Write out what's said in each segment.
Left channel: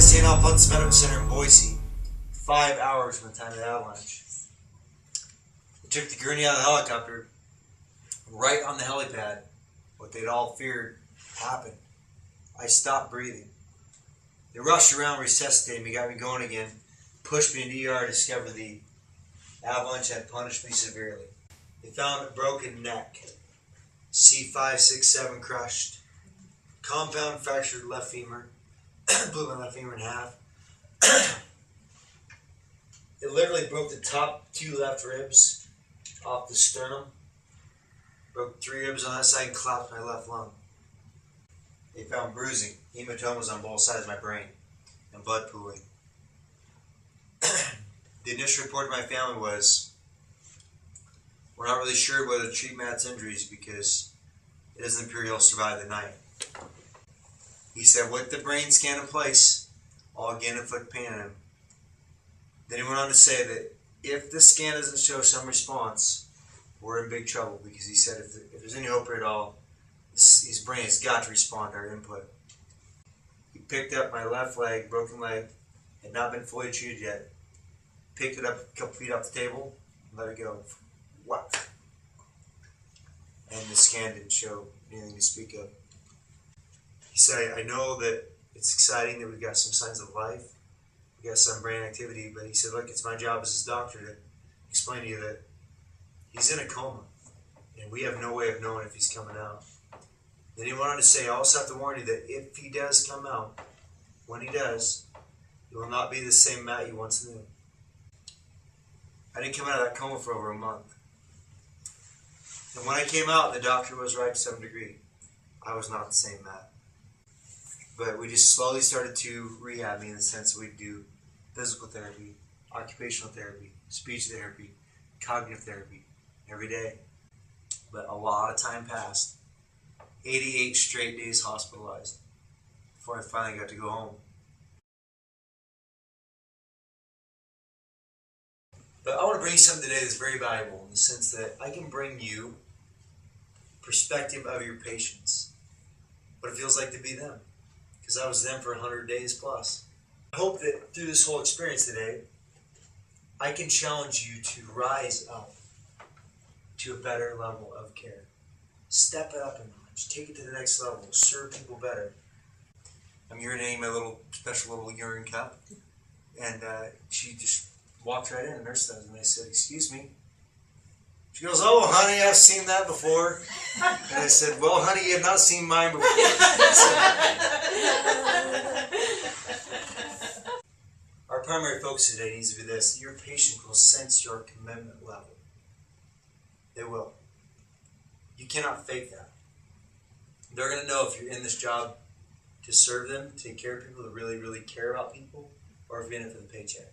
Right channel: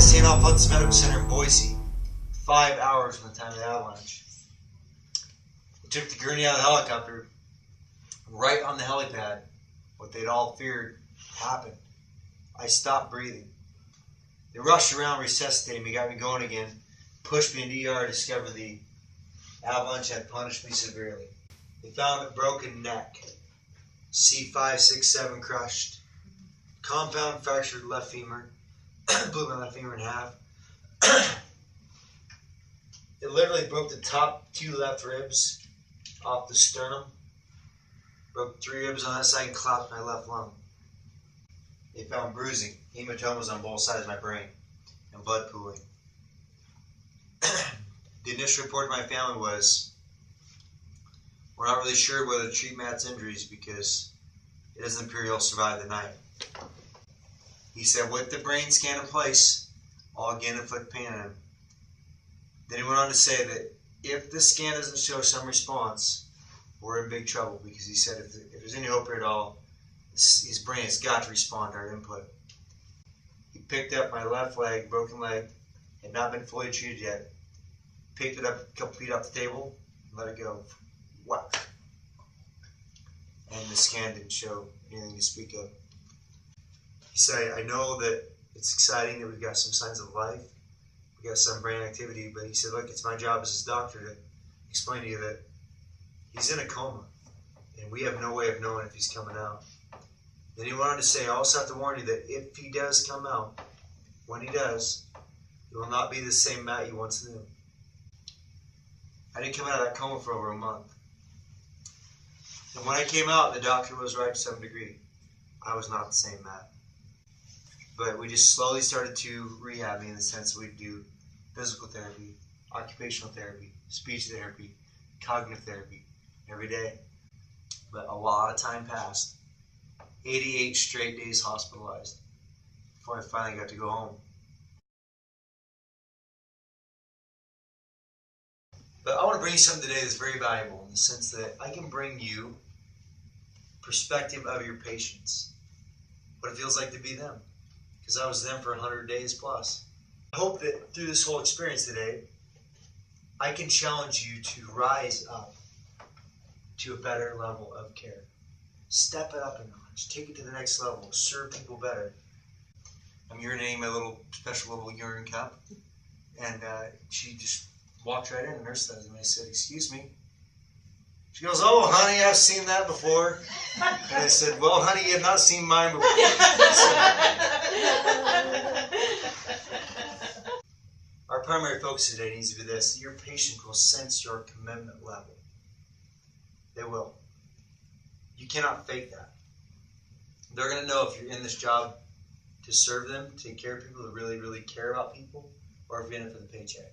at St. Alphonsus Medical Center in Boise. 5 hours from the time of the avalanche. We took the gurney out of the helicopter. Right on the helipad, what they'd all feared happened. I stopped breathing. They rushed around, resuscitated me, got me going again, pushed me into ER, discovered the avalanche had punished me severely. They found a broken neck, C5, 6, 7 crushed, compound fractured left femur, blew my left femur in half. It literally broke the top 2 left ribs off the sternum, broke 3 ribs on that side and collapsed my left lung. They found bruising, hematomas on both sides of my brain, and blood pooling. The initial report to my family was, we're not really sure whether to treat Matt's injuries because it doesn't appear he'll survive the night. He said, with the brain scan in place, I'll again inflict pain on him. Then he went on to say that if the scan doesn't show some response, we're in big trouble, because he said if there's any hope here at all, his brain has got to respond to our input. He picked up my left leg, broken leg, had not been fully treated yet, picked it up a couple feet off the table, and let it go. Whack. And the scan didn't show anything to speak of. He said, I know that it's exciting that we've got some signs of life, we got some brain activity, but he said, look, it's my job as his doctor to explain to you that he's in a coma, and we have no way of knowing if he's coming out. Then he went on to say, I also have to warn you that if he does come out, when he does, it will not be the same Matt you once knew. I didn't come out of that coma for over a month. And when I came out, the doctor was right to some degree. I was not the same Matt. But we just slowly started to rehab me in the sense that we'd do physical therapy, occupational therapy, speech therapy, cognitive therapy every day. But a lot of time passed. 88 straight days hospitalized before I finally got to go home. But I want to bring you something today that's very valuable in the sense that I can bring you perspective of your patients, what it feels like to be them, because I was them for 100 days plus. I hope that through this whole experience today, I can challenge you to rise up to a better level of care. Step it up a notch. Take it to the next level. Serve people better. I'm urinating my little special little urine cup, and she just walked right in, the nurse does, and I said, excuse me. She goes, oh, honey, I've seen that before. And I said, well, honey, you have not seen mine before. Our primary focus today needs to be this. Your patient will sense your commitment level. They will. You cannot fake that. They're going to know if you're in this job to serve them, take care of people, to really, really care about people, or if you're in it for the paycheck.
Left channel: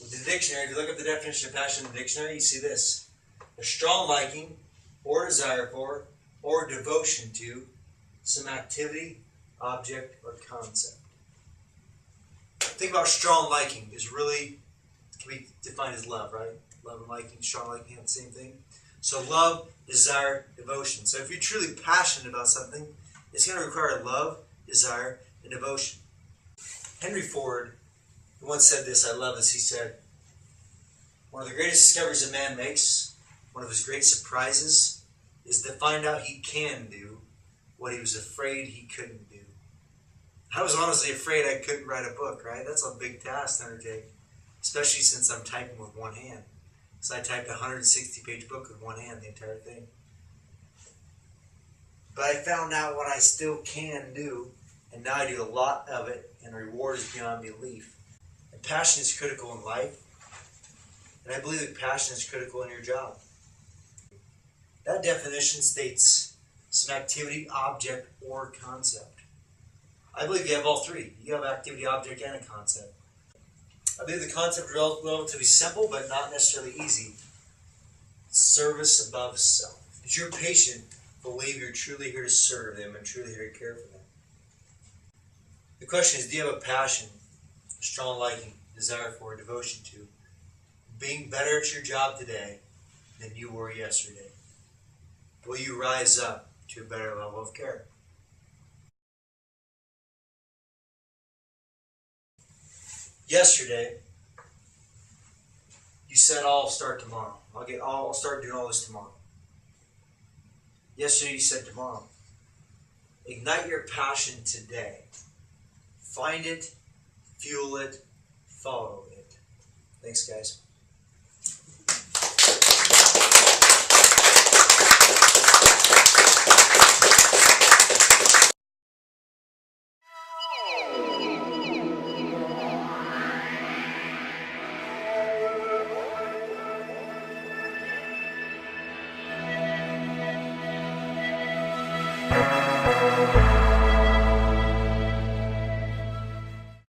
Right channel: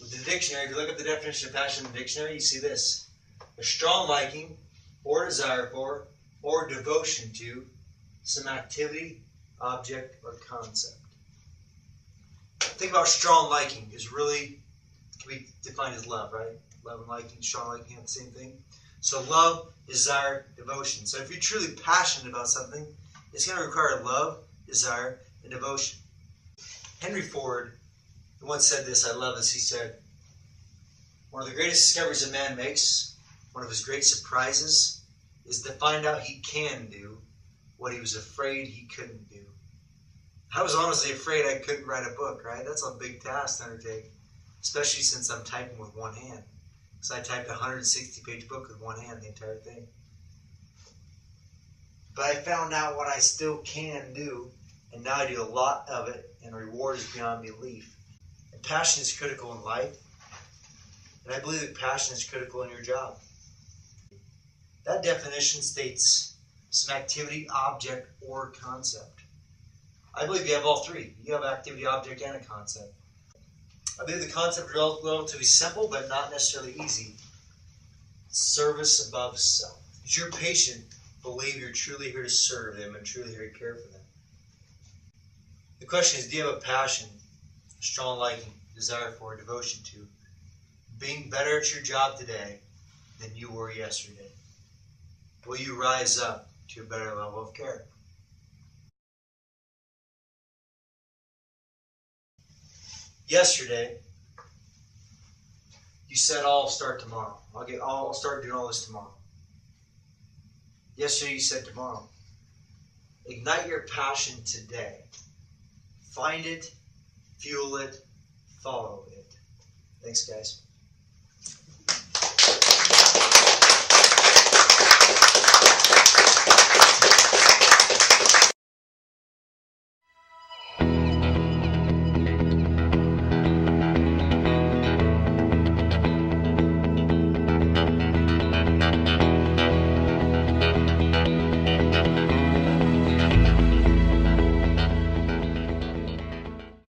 With the dictionary, if you look up the definition of passion in the dictionary, you see this. A strong liking or desire for or devotion to some activity, object, or concept. Think about strong liking is really, can be defined as love, right? Love and liking, strong liking have the same thing. So love, desire, devotion. So if you're truly passionate about something, it's going to require love, desire, and devotion. Henry Ford once said this, I love this, he said, one of the greatest discoveries a man makes, one of his great surprises, is to find out he can do what he was afraid he couldn't do. I was honestly afraid I couldn't write a book, right? That's a big task to undertake, especially since I'm typing with one hand. So I typed a 160-page book with one hand, the entire thing. But I found out what I still can do, and now I do a lot of it, and the reward is beyond belief. And passion is critical in life, and I believe that passion is critical in your job. That definition states some activity, object, or concept. I believe you have all three. You have activity, object, and a concept. I believe the concept is relatively simple, but not necessarily easy. Service above self. Does your patient believe you're truly here to serve them and truly here to care for them? The question is, do you have a passion, a strong liking, desire for, devotion to being better at your job today than you were yesterday? Will you rise up to a better level of care? Yesterday, you said, I'll start tomorrow. I'll start doing all this tomorrow. Yesterday you said tomorrow. Ignite your passion today. Find it, fuel it, follow it. Thanks, guys.